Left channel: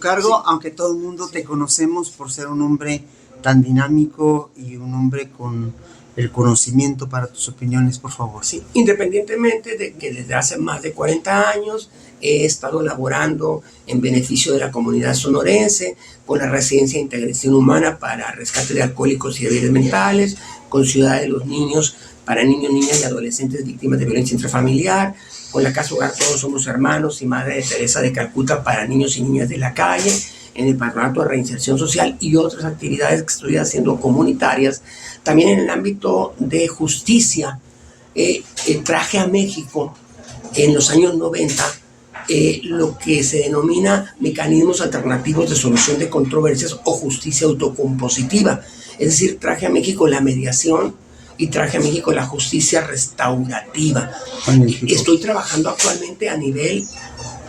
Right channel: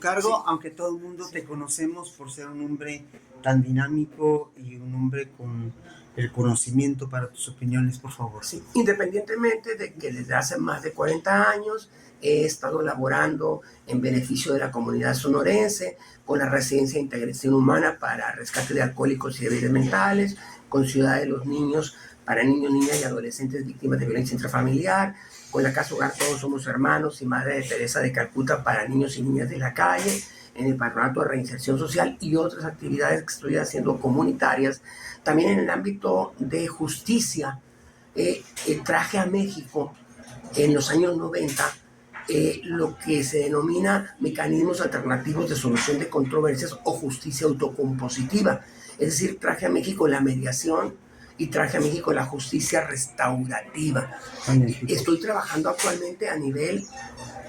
cargo, Sí. aunque todo el mundo te conocemos por ser un hombre tan dinámico y un hombre con el conocimiento para tus opiniones, por favor. Sí, independientemente de que desde hace más de 40 años he estado laborando en beneficio de la comunidad sonorense, con la Residencia de Integración Humana para rescate de alcohólicos y débiles mentales, con Ciudad de los Niños para niños, niñas y adolescentes víctimas de violencia intrafamiliar, con la Casa Hogar Todos Somos Hermanos y Madre de Teresa de Calcuta para niños y niñas de la calle, en el Patronato de Reinserción Social y otras actividades que estoy haciendo comunitarias. También en el ámbito de justicia, traje a México en los años 90 lo que se denomina mecanismos alternativos de solución de controversias o justicia autocompositiva. Es decir, traje a México la mediación y traje a México la justicia restaurativa. Estoy trabajando actualmente a nivel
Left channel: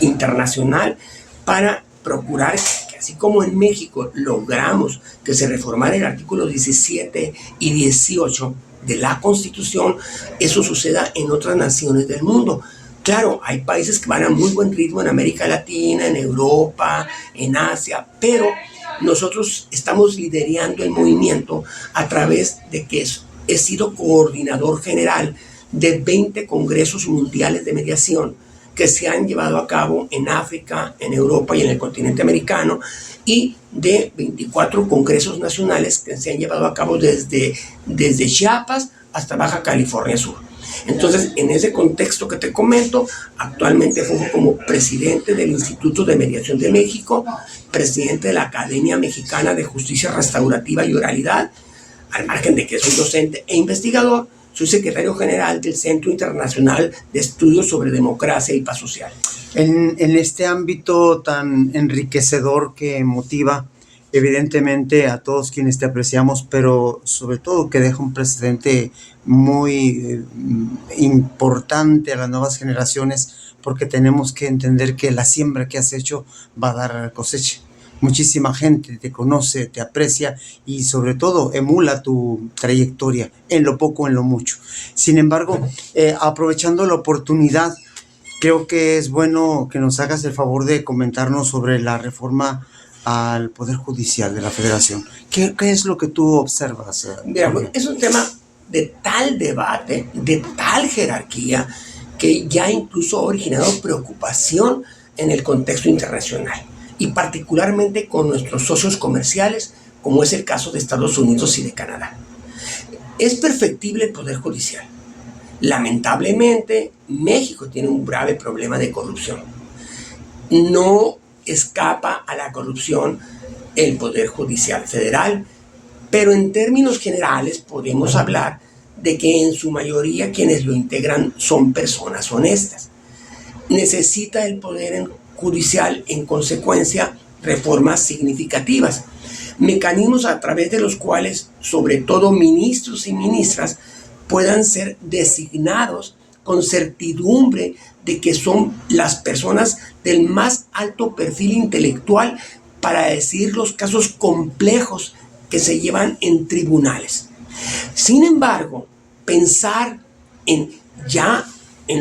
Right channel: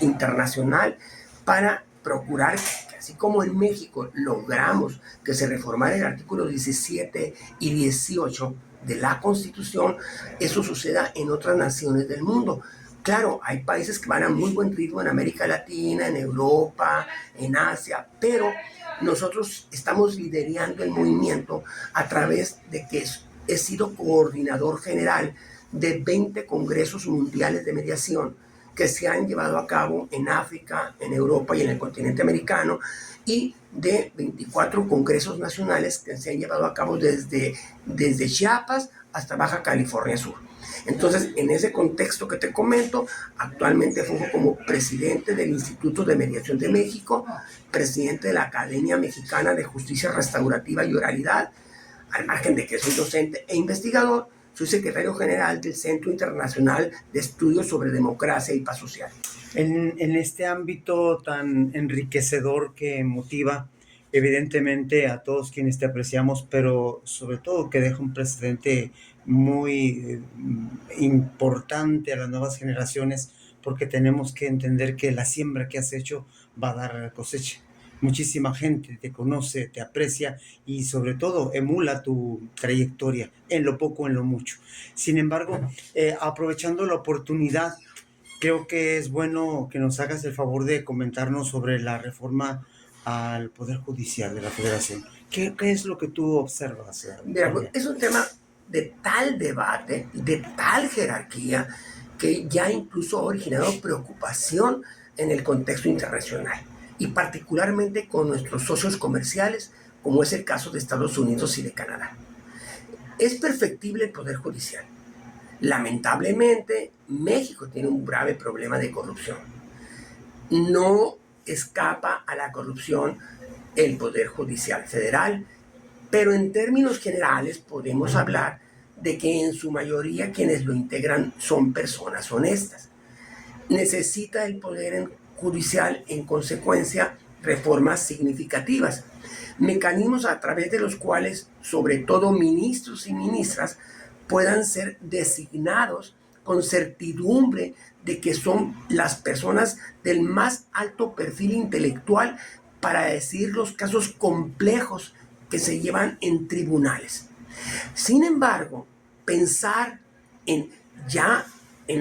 internacional para procurar que, así como en México logramos que se reformara el artículo 17 y 18 de la Constitución, eso suceda en otras naciones del mundo. Claro, hay países que van a muy buen ritmo en América Latina, en Europa, en Asia, pero nosotros estamos liderando el movimiento a través de que he sido coordinador general de 20 congresos mundiales de mediación que se han llevado a cabo en África, en Europa y en el continente americano, y de 24 congresos nacionales que se han llevado a cabo desde Chiapas hasta Baja California Sur. Entonces, en ese contexto que te comento, actualmente funjo como presidente del Instituto de Mediación de México, presidente de la Academia Mexicana de Justicia Restaurativa y Oralidad, al margen de que soy docente e investigador. Soy secretario general del Centro Internacional de Estudios sobre Democracia y Paz Social. En este ámbito tan enriquecedor que motiva evidentemente a todos quienes te apreciamos, pero sobre todo que deja un precedente muy importante a las nuevas generaciones, porque tenemos que entender que la siembra que has hecho va a dar cosecha. Muchísima gente te conoce, te aprecia y sobre todo emula tu trayectoria en lo poco, en lo mucho. Sin embargo, aprovechando la oportunidad, creo que es bueno que nos hagas el favor de comentarnos sobre la reforma al Poder Judicial de la Federación. ¿Qué es lo que tú observas? Mira, es un tema de tal debate, de tal jerarquía, que ya incluso ha originado preocupación en el contexto internacional, y particularmente con nuestros socios comerciales, como es el caso de Estados Unidos y de Canadá. Es perfectible el Poder Judicial. Lamentablemente, México tiene un grave problema de corrupción. No escapa a la corrupción el Poder Judicial Federal, pero en términos generales podemos hablar de que en su mayoría quienes lo integran son personas honestas. Necesita el Poder Judicial, en consecuencia, reformas significativas, mecanismos a través de los cuales, sobre todo ministros y ministras, puedan ser designados con certidumbre de que son las personas del más alto perfil intelectual para decir los casos complejos que se llevan en tribunales. Sin embargo, pensar en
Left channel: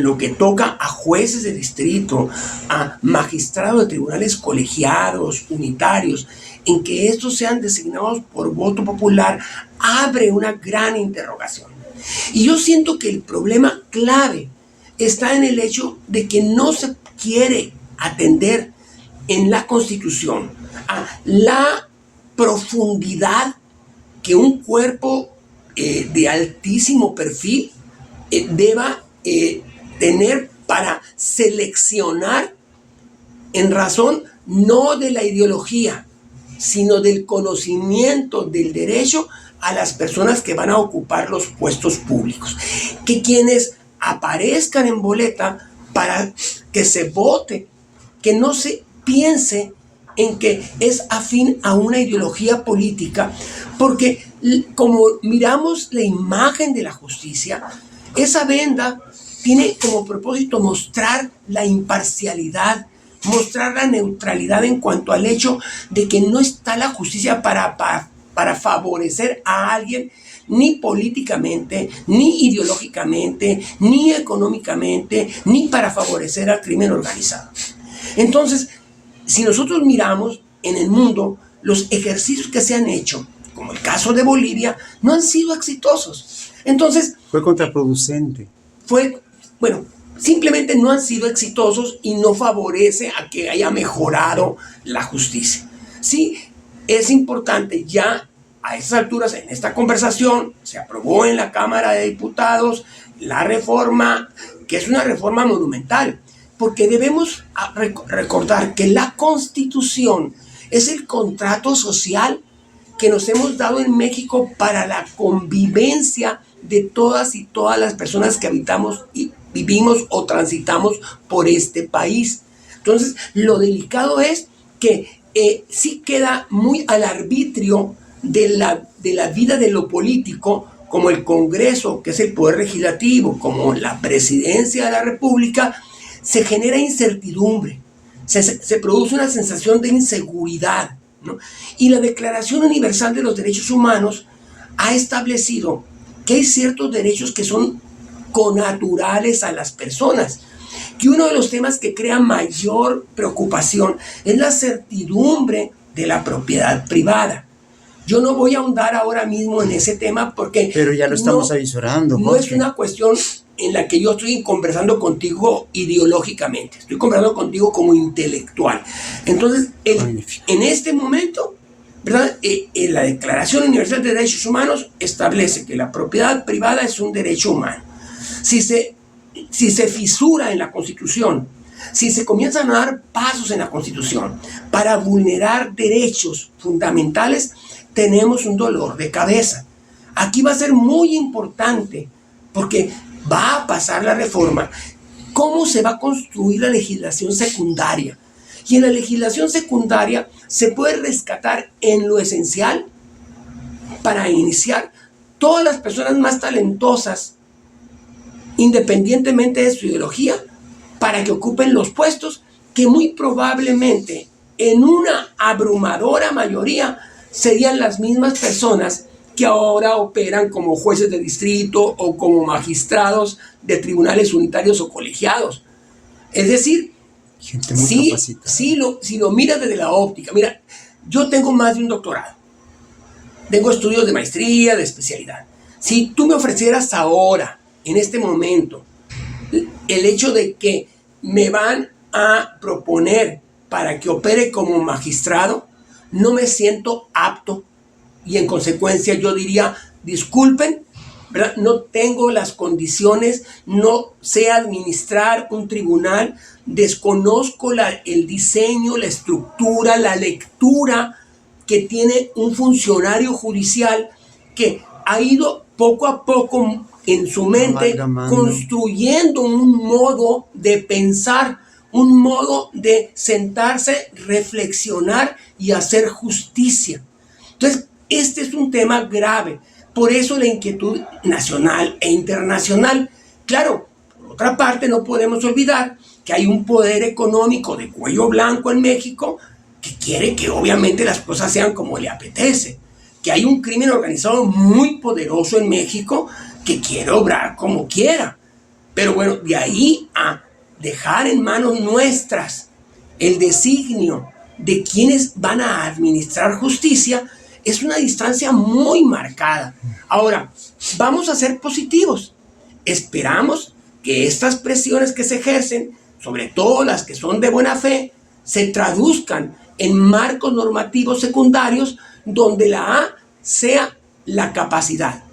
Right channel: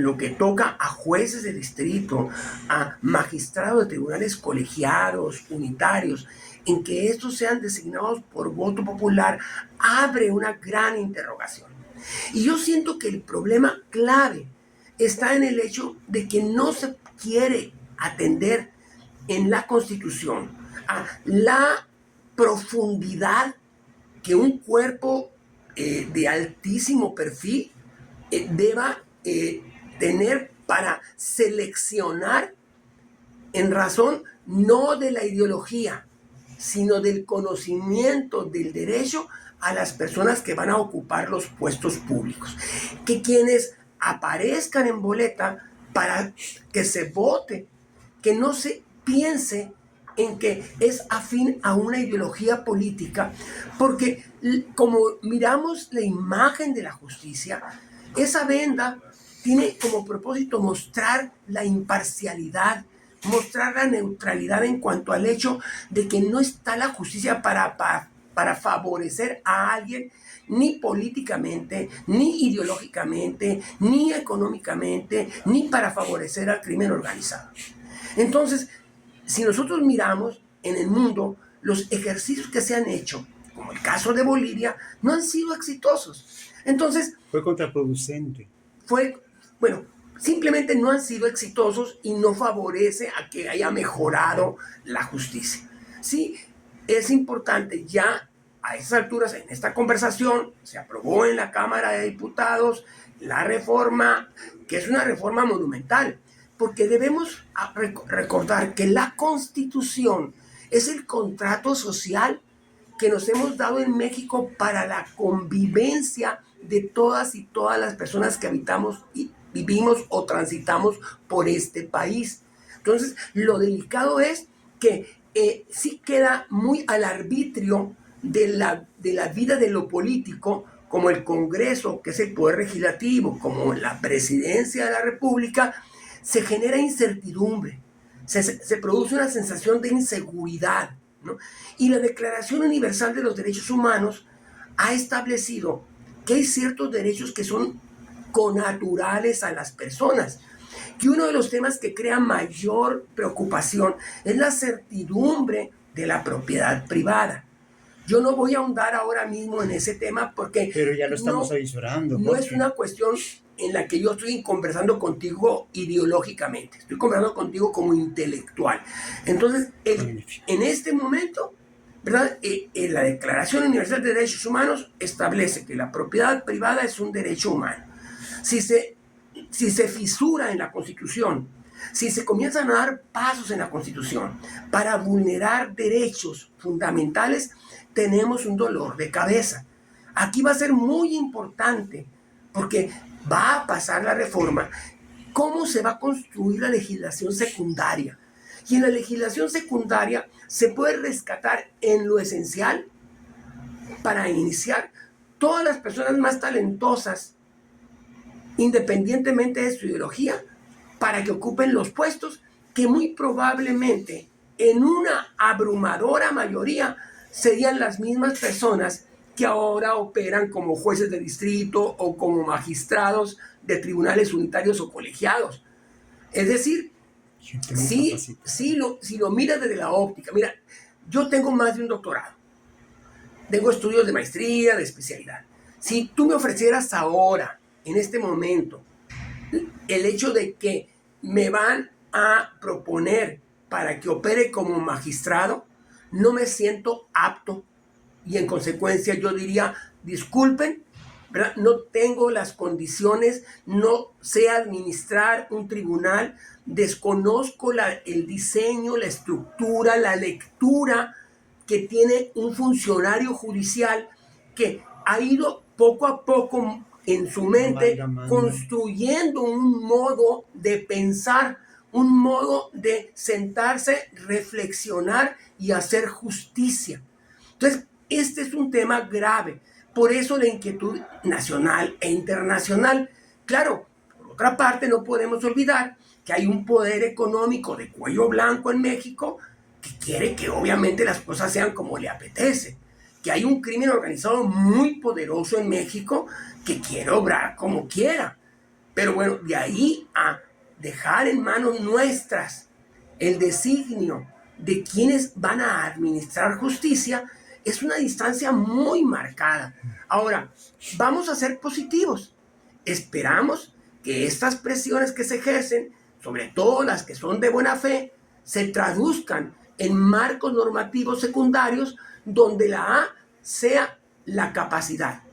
lo que toca a jueces de distrito, a magistrados de tribunales colegiados, unitarios, en que estos sean designados por voto popular, abre una gran interrogación. Y yo siento que el problema clave está en el hecho de que no se quiere atender en la Constitución a la profundidad que un cuerpo de altísimo perfil deba tener para seleccionar en razón no de la ideología, sino del conocimiento del derecho a las personas que van a ocupar los puestos públicos. Que quienes aparezcan en boleta para que se vote, que no se piense en que es afín a una ideología política, porque como miramos la imagen de la justicia, esa venda tiene como propósito mostrar la imparcialidad, mostrar la neutralidad en cuanto al hecho de que no está la justicia para favorecer a alguien, ni políticamente, ni ideológicamente, ni económicamente, ni para favorecer al crimen organizado. Entonces, si nosotros miramos en el mundo, los ejercicios que se han hecho, como el caso de Bolivia, no han sido exitosos. Entonces, Fue contraproducente. bueno, simplemente no han sido exitosos y no favorece a que haya mejorado la justicia. Sí, es importante ya a esas alturas, en esta conversación, se aprobó en la Cámara de Diputados la reforma, que es una reforma monumental, porque debemos recordar que la Constitución es el contrato social que nos hemos dado en México para la convivencia de todas las personas que habitamos y vivimos o transitamos por este país. Entonces, lo delicado es que sí queda muy al arbitrio de la vida de lo político, como el Congreso, que es el poder legislativo, como la presidencia de la República, se genera incertidumbre, se produce una sensación de inseguridad, ¿no? Y la Declaración Universal de los Derechos Humanos ha establecido que hay ciertos derechos que son connaturales a las personas. Que uno de los temas que crea mayor preocupación es la certidumbre de la propiedad privada. Yo no voy a ahondar ahora mismo en ese tema porque... Pero ya lo estamos avisorando. No es una cuestión en la que yo estoy conversando contigo ideológicamente, estoy conversando contigo como intelectual. Entonces, en este momento, ¿verdad? La Declaración Universal de Derechos Humanos establece que la propiedad privada es un derecho humano. Si se fisura en la Constitución, si se comienzan a dar pasos en la Constitución para vulnerar derechos fundamentales, tenemos un dolor de cabeza. Aquí va a ser muy importante, porque va a pasar la reforma, cómo se va a construir la legislación secundaria. Y en la legislación secundaria se puede rescatar en lo esencial para iniciar todas las personas más talentosas, independientemente de su ideología, para que ocupen los puestos que muy probablemente en una abrumadora mayoría serían las mismas personas que ahora operan como jueces de distrito o como magistrados de tribunales unitarios o colegiados. Es decir, si lo miras desde la óptica, mira, yo tengo más de un doctorado, tengo estudios de maestría, de especialidad. Si tú me ofrecieras ahora, en este momento, el hecho de que me van a proponer para que opere como magistrado, no me siento apto y en consecuencia yo diría, disculpen, ¿verdad? No tengo las condiciones, no sé administrar un tribunal, desconozco el diseño, la estructura, la lectura que tiene un funcionario judicial que ha ido poco a poco en su mente construyendo un modo de pensar, un modo de sentarse, reflexionar y hacer justicia. Entonces, este es un tema grave. Por eso la inquietud nacional e internacional. Claro, por otra parte, no podemos olvidar que hay un poder económico de cuello blanco en México que quiere que obviamente las cosas sean como le apetece. Que hay un crimen organizado muy poderoso en México que quiere obrar como quiera. Pero bueno, de ahí a dejar en manos nuestras el designio de quienes van a administrar justicia, es una distancia muy marcada. Ahora, vamos a ser positivos. Esperamos que estas presiones que se ejercen, sobre todo las que son de buena fe, se traduzcan en marcos normativos secundarios donde la A sea la capacidad.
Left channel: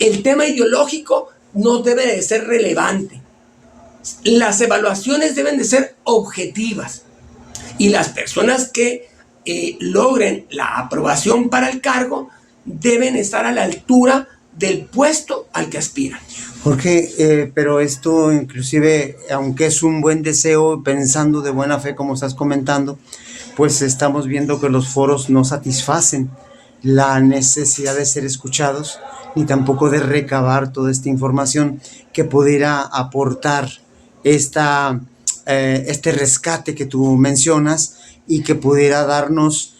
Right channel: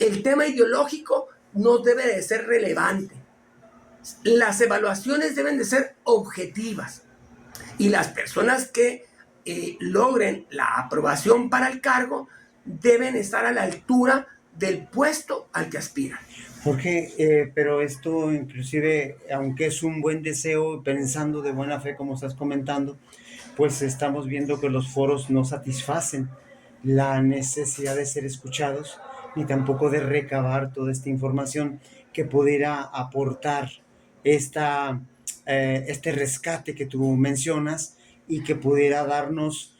El tema ideológico no debe de ser relevante. Las evaluaciones deben de ser objetivas. Y las personas que logren la aprobación para el cargo deben estar a la altura del puesto al que aspiran. Jorge, pero esto inclusive, aunque es un buen deseo, pensando de buena fe como estás comentando, pues estamos viendo que los foros no satisfacen la necesidad de ser escuchados, ni tampoco de recabar toda esta información que pudiera aportar este rescate que tú mencionas y que pudiera darnos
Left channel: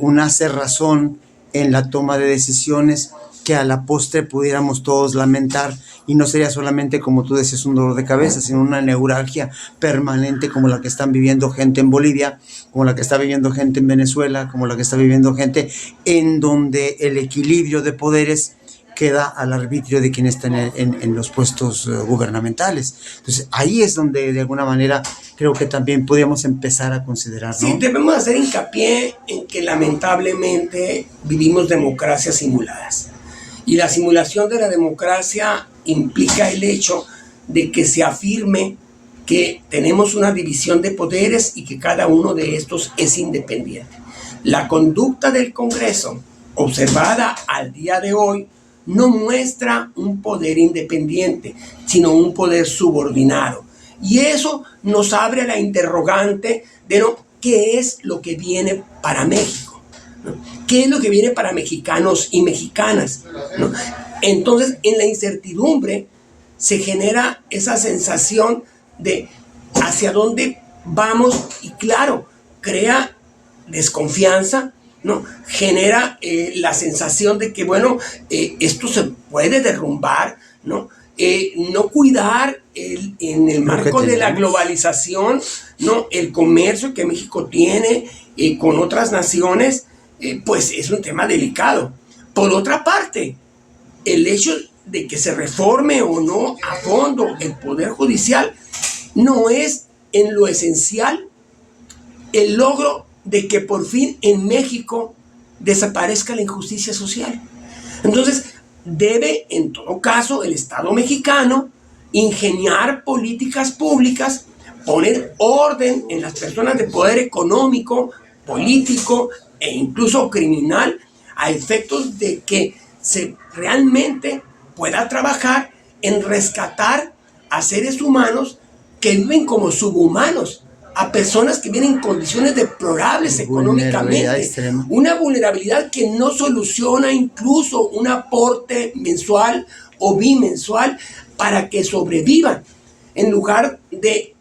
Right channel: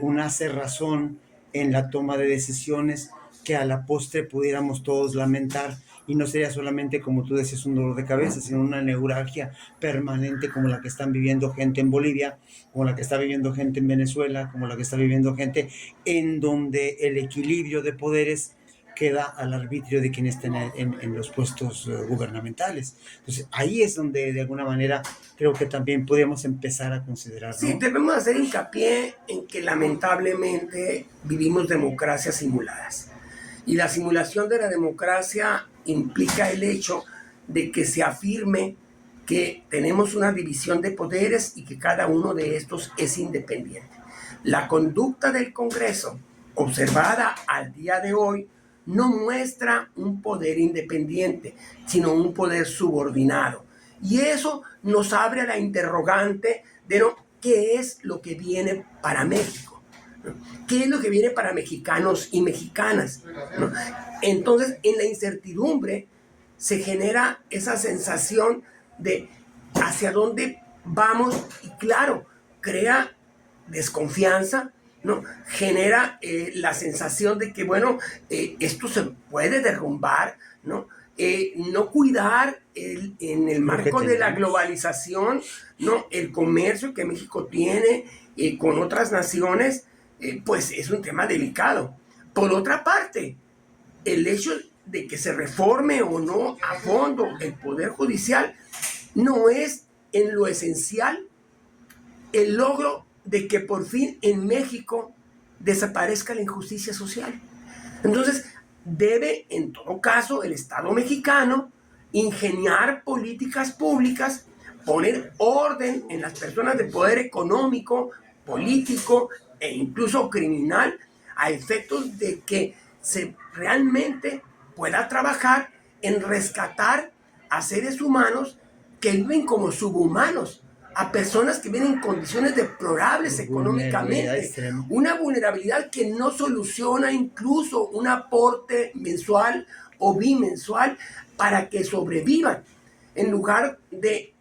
una cerrazón en la toma de decisiones que a la postre pudiéramos todos lamentar, y no sería solamente, como tú decías, un dolor de cabeza, sino una neuralgia permanente como la que están viviendo gente en Bolivia, como la que está viviendo gente en Venezuela, como la que está viviendo gente en donde el equilibrio de poderes queda al arbitrio de quien está en los puestos gubernamentales. Entonces, ahí es donde, de alguna manera, creo que también podríamos empezar a considerar, Sí, ¿no? debemos hacer hincapié en que lamentablemente vivimos democracias simuladas. Y la simulación de la democracia implica el hecho de que se afirme que tenemos una división de poderes y que cada uno de estos es independiente. La conducta del Congreso, observada al día de hoy, no muestra un poder independiente, sino un poder subordinado. Y eso nos abre la interrogante de qué es lo que viene para México, ¿no? ¿Qué es lo que viene para mexicanos y mexicanas, ¿no? Entonces, en la incertidumbre se genera esa sensación de hacia dónde vamos y claro, crea desconfianza, ¿no? Genera la sensación de que, bueno, esto se puede derrumbar, ¿no? No cuidar en el marco de la globalización, ¿no? El comercio que México tiene con otras naciones, pues es un tema delicado. Por otra parte, el hecho de que se reforme o no a fondo el Poder Judicial no es en lo esencial el logro de que por fin en México desaparezca la injusticia social. Entonces, debe en todo caso el Estado mexicano ingeniar políticas públicas, poner orden en las personas de poder económico, político e incluso criminal, a efectos de que se realmente pueda trabajar en rescatar a seres humanos que viven como subhumanos, a personas que viven en condiciones deplorables económicamente, una vulnerabilidad que no soluciona incluso un aporte mensual o bimensual para que sobrevivan. En lugar de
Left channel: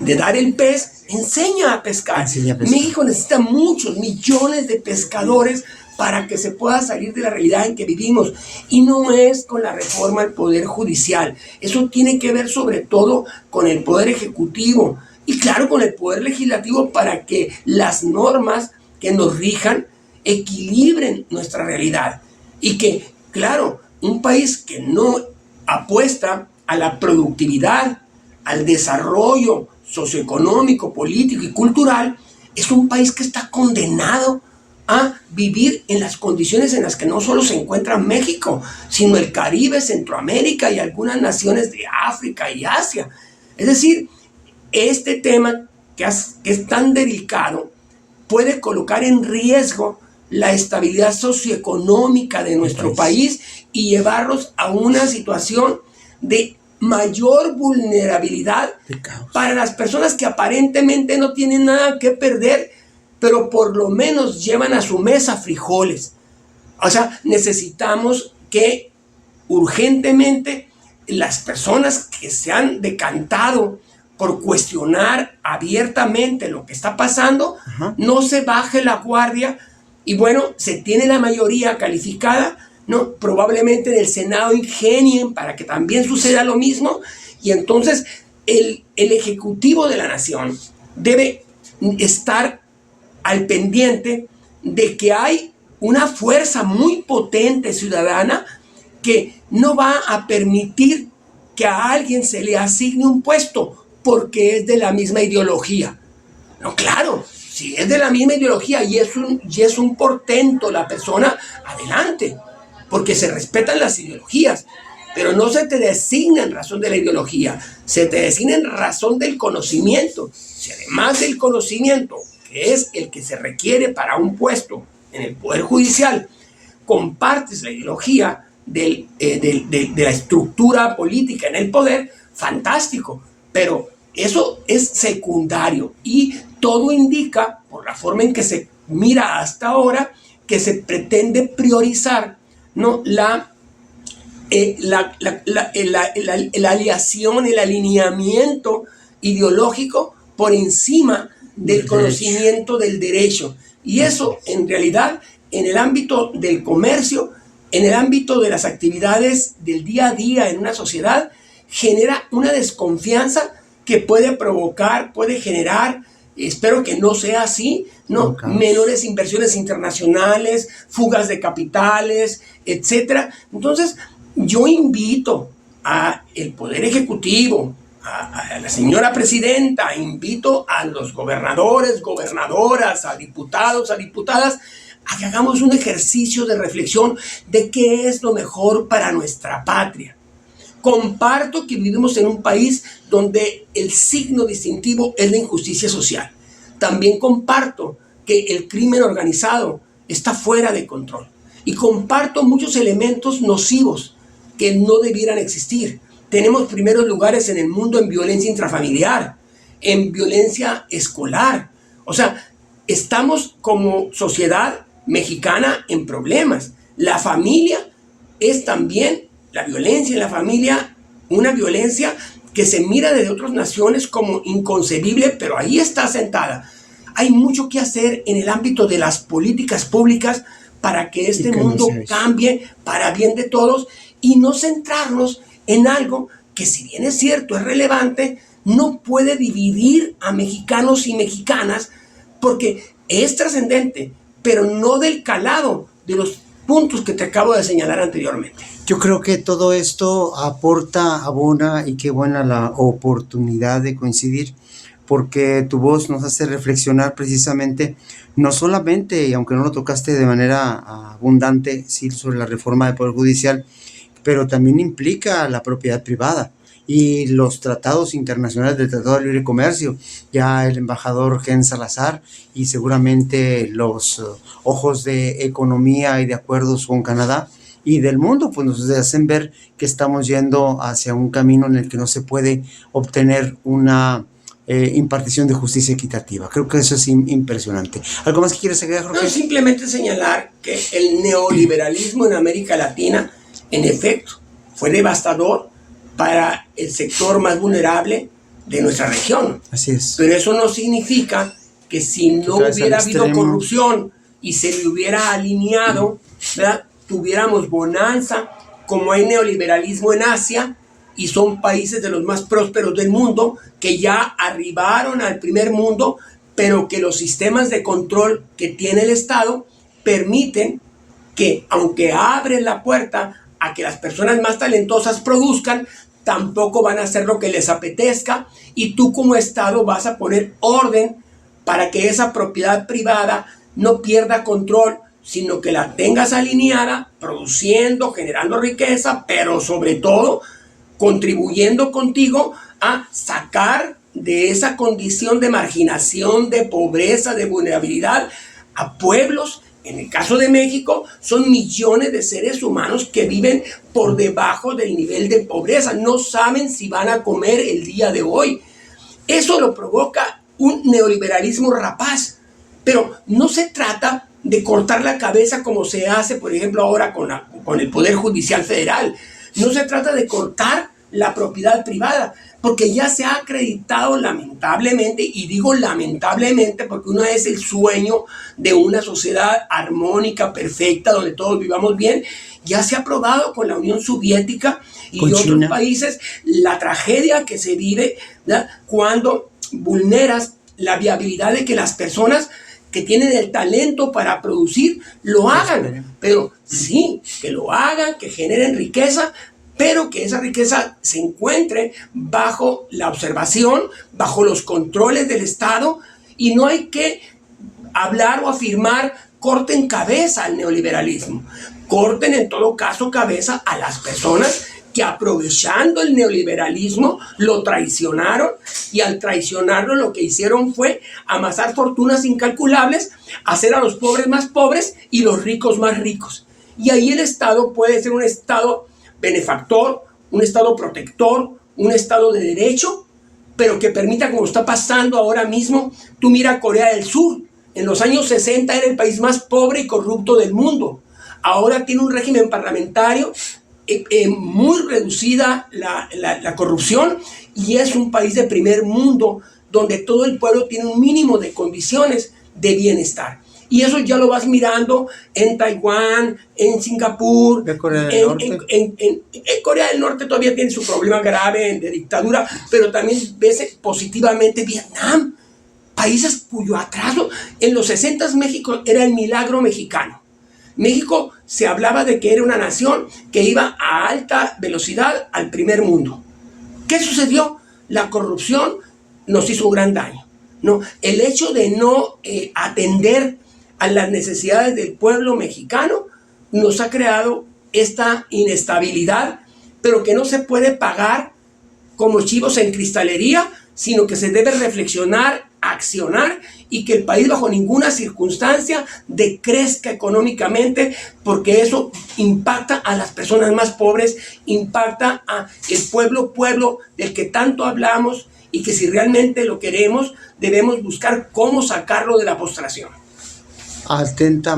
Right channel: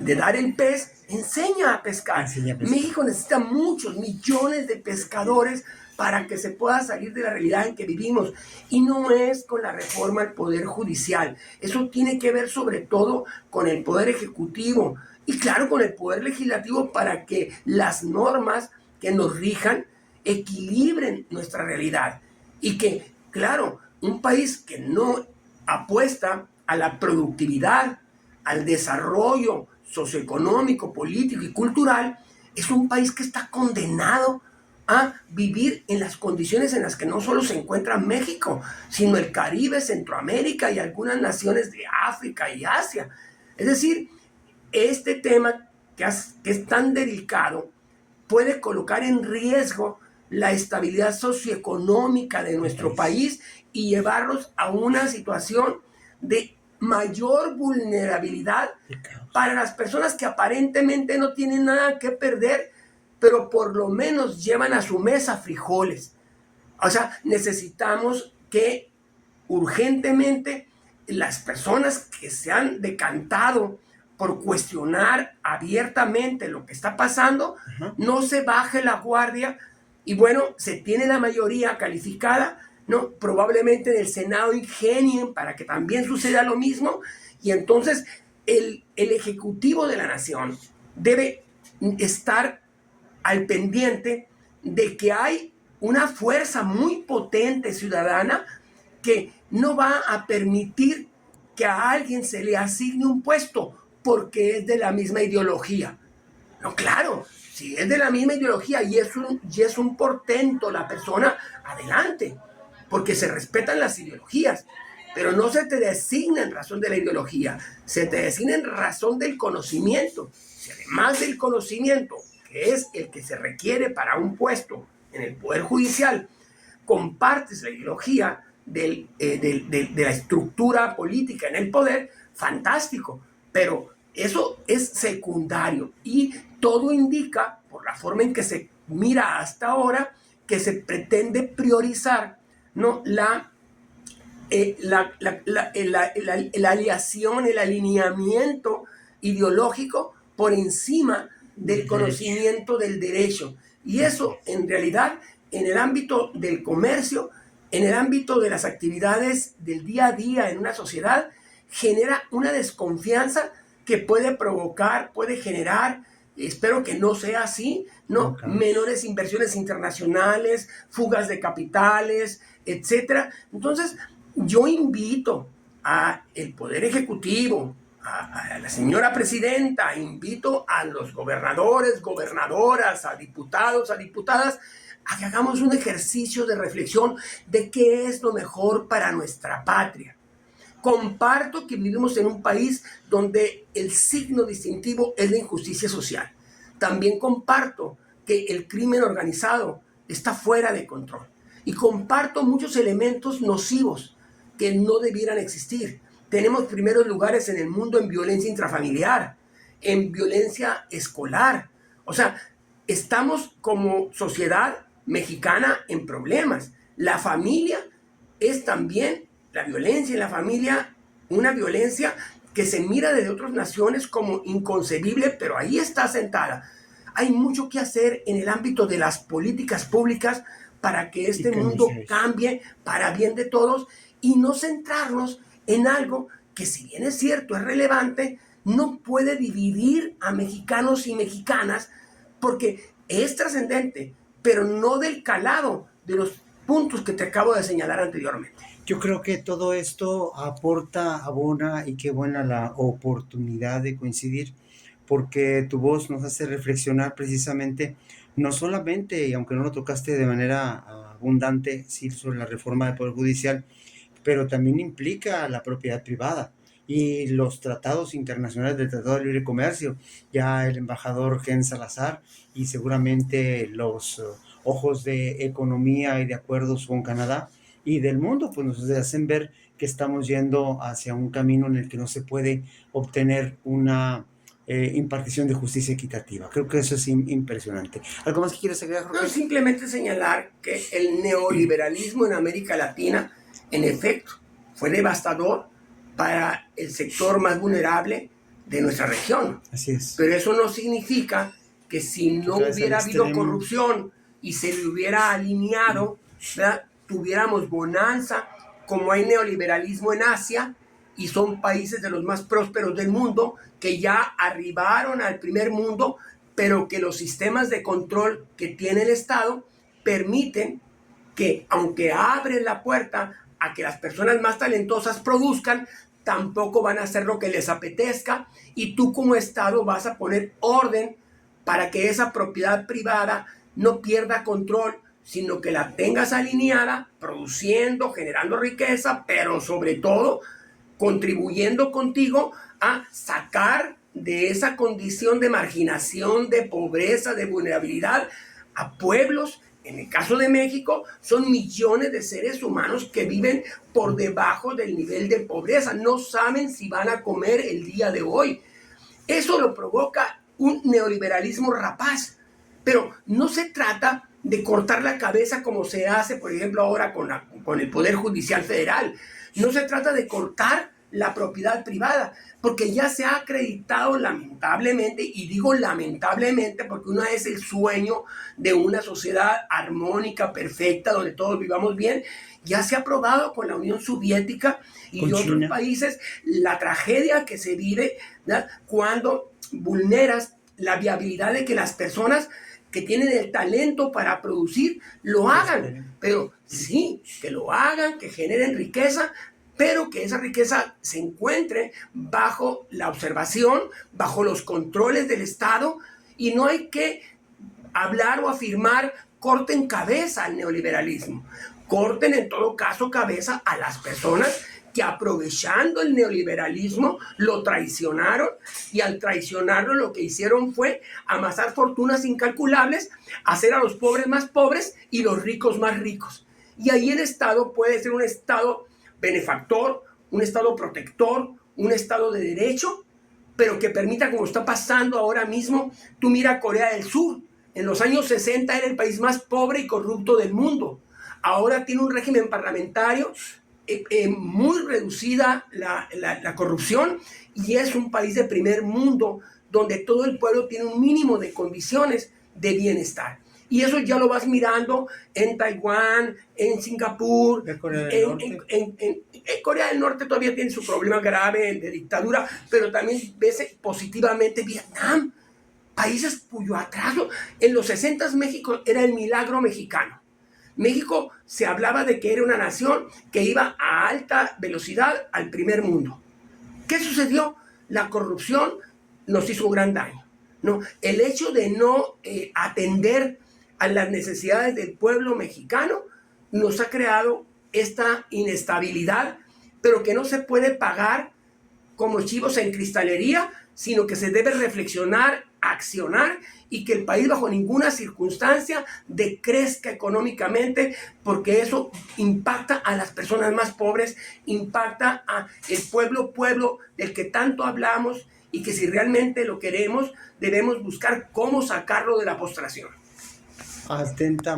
dar el pez, enseña a pescar. México necesita muchos millones de pescadores para que se pueda salir de la realidad en que vivimos. Y no es con la reforma del Poder Judicial. Eso tiene que ver sobre todo con el Poder Ejecutivo y claro con el Poder Legislativo para que las normas que nos rijan equilibren nuestra realidad. Y que, claro, un país que no apuesta a la productividad, al desarrollo socioeconómico, político y cultural, es un país que está condenado a vivir en las condiciones en las que no solo se encuentra México, sino el Caribe, Centroamérica y algunas naciones de África y Asia. Es decir, este tema que es tan delicado puede colocar en riesgo la estabilidad socioeconómica de nuestro país y llevarnos a una situación de mayor vulnerabilidad para las personas que aparentemente no tienen nada que perder, pero por lo menos llevan a su mesa frijoles. O sea, necesitamos que urgentemente las personas que se han decantado por cuestionar abiertamente lo que está pasando, no se baje la guardia y bueno, se tiene la mayoría calificada, ¿no? Probablemente en el Senado ingenien para que también suceda lo mismo y entonces el Ejecutivo de la Nación debe estar al pendiente de que hay una fuerza muy potente ciudadana que no va a permitir que a alguien se le asigne un puesto porque es de la misma ideología. No, claro, si es de la misma ideología y es un portento la persona, adelante, porque se respetan las ideologías, pero no se te designa en razón de la ideología, se te designa en razón del conocimiento. Si además del conocimiento, que es el que se requiere para un puesto en el Poder Judicial, compartes la ideología de la estructura política en el poder, fantástico, pero eso es secundario y todo indica, por la forma en que se mira hasta ahora, que se pretende priorizar, ¿no? la aleación, el alineamiento ideológico por encima del conocimiento del derecho. Y eso, en realidad, en el ámbito del comercio, en el ámbito de las actividades del día a día en una sociedad, genera una desconfianza que puede provocar, puede generar, espero que no sea así, ¿no? Menores inversiones internacionales, fugas de capitales, etcétera. Entonces, yo invito al Poder Ejecutivo, a la señora presidenta, invito a los gobernadores, gobernadoras, a diputados, a diputadas, a que hagamos un ejercicio de reflexión de qué es lo mejor para nuestra patria. Comparto que vivimos en un país donde el signo distintivo es la injusticia social. También comparto que el crimen organizado está fuera de control. Y comparto muchos elementos nocivos que no debieran existir. Tenemos primeros lugares en el mundo en violencia intrafamiliar, en violencia escolar. O sea, estamos como sociedad mexicana en problemas. La familia es también, la violencia en la familia, una violencia que se mira desde otras naciones como inconcebible, pero ahí está sentada. Hay mucho que hacer en el ámbito de las políticas públicas para que este mundo cambie para bien de todos y no centrarnos en algo que, si bien es cierto, es relevante, no puede dividir a mexicanos y mexicanas porque es trascendente, pero no del calado de los puntos que te acabo de señalar anteriormente. Yo creo que todo esto aporta, abona, y qué buena la oportunidad de coincidir, porque tu voz nos hace reflexionar precisamente, no solamente, y aunque no lo tocaste de manera abundante, sí, sobre la reforma del Poder Judicial, pero también implica la propiedad privada y los tratados internacionales del Tratado de Libre Comercio. Ya el embajador Ken Salazar y seguramente los ojos de economía y de acuerdos con Canadá y del mundo, pues nos hacen ver que estamos yendo hacia un camino en el que no se puede obtener una impartición de justicia equitativa. Creo que eso es impresionante. ¿Algo más que quieres agregar, Jorge? No, simplemente señalar que el neoliberalismo en América Latina, en efecto, fue devastador para el sector más vulnerable de nuestra región. Así es. Pero eso no significa que si no hubiera habido corrupción y se le hubiera alineado, ¿verdad?, tuviéramos bonanza, como hay neoliberalismo en Asia, y son países de los más prósperos del mundo que ya arribaron al primer mundo, pero que los sistemas de control que tiene el Estado permiten que, aunque abren la puerta a que las personas más talentosas produzcan, tampoco van a hacer lo que les apetezca, y tú como Estado vas a poner orden para que esa propiedad privada no pierda control, sino que la tengas alineada, produciendo, generando riqueza, pero sobre todo contribuyendo contigo a sacar de esa condición de marginación, de pobreza, de vulnerabilidad a pueblos. En el caso de México, son millones de seres humanos que viven por debajo del nivel de pobreza. No saben si van a comer el día de hoy. Eso lo provoca un neoliberalismo rapaz. Pero no se trata de cortar la cabeza como se hace, por ejemplo, ahora con el Poder Judicial Federal. No se trata de cortar la propiedad privada, porque ya se ha acreditado lamentablemente, y digo lamentablemente porque uno es el sueño de una sociedad armónica, perfecta, donde todos vivamos bien. Ya se ha probado con la Unión Soviética y con otros China. países la tragedia que se vive, ¿verdad?, cuando vulneras la viabilidad de que las personas que tienen el talento para producir lo hagan, pero sí, que lo hagan, que generen riqueza, pero que esa riqueza se encuentre bajo la observación, bajo los controles del Estado, y no hay que hablar o afirmar corten cabeza al neoliberalismo, corten en todo caso cabeza a las personas que, aprovechando el neoliberalismo, lo traicionaron, y al traicionarlo lo que hicieron fue amasar fortunas incalculables, hacer a los pobres más pobres y los ricos más ricos. Y ahí el Estado puede ser un Estado benefactor, un Estado protector, un Estado de derecho, pero que permita, como está pasando ahora mismo. Tú mira Corea del Sur, en los años 60 era el país más pobre y corrupto del mundo. Ahora tiene un régimen parlamentario, muy reducida la corrupción, y es un país de primer mundo donde todo el pueblo tiene un mínimo de condiciones de bienestar. Y eso ya lo vas mirando en Taiwán, en Singapur, De Corea del Norte. En Corea del Norte todavía tiene su problema grave de dictadura, pero también ves positivamente Vietnam, países cuyo atraso, en los 60 México era el milagro mexicano. México se hablaba de que era una nación que iba a alta velocidad al primer mundo. ¿Qué sucedió? La corrupción nos hizo un gran daño, ¿no? El hecho de no atender a las necesidades del pueblo mexicano nos ha creado esta inestabilidad, pero que no se puede pagar como chivos en cristalería, sino que se debe reflexionar, accionar, y que el país bajo ninguna circunstancia decrezca económicamente, porque eso impacta a las personas más pobres, impacta a el pueblo del que tanto hablamos, y que si realmente lo queremos, debemos buscar cómo sacarlo de la postración. Atentamente.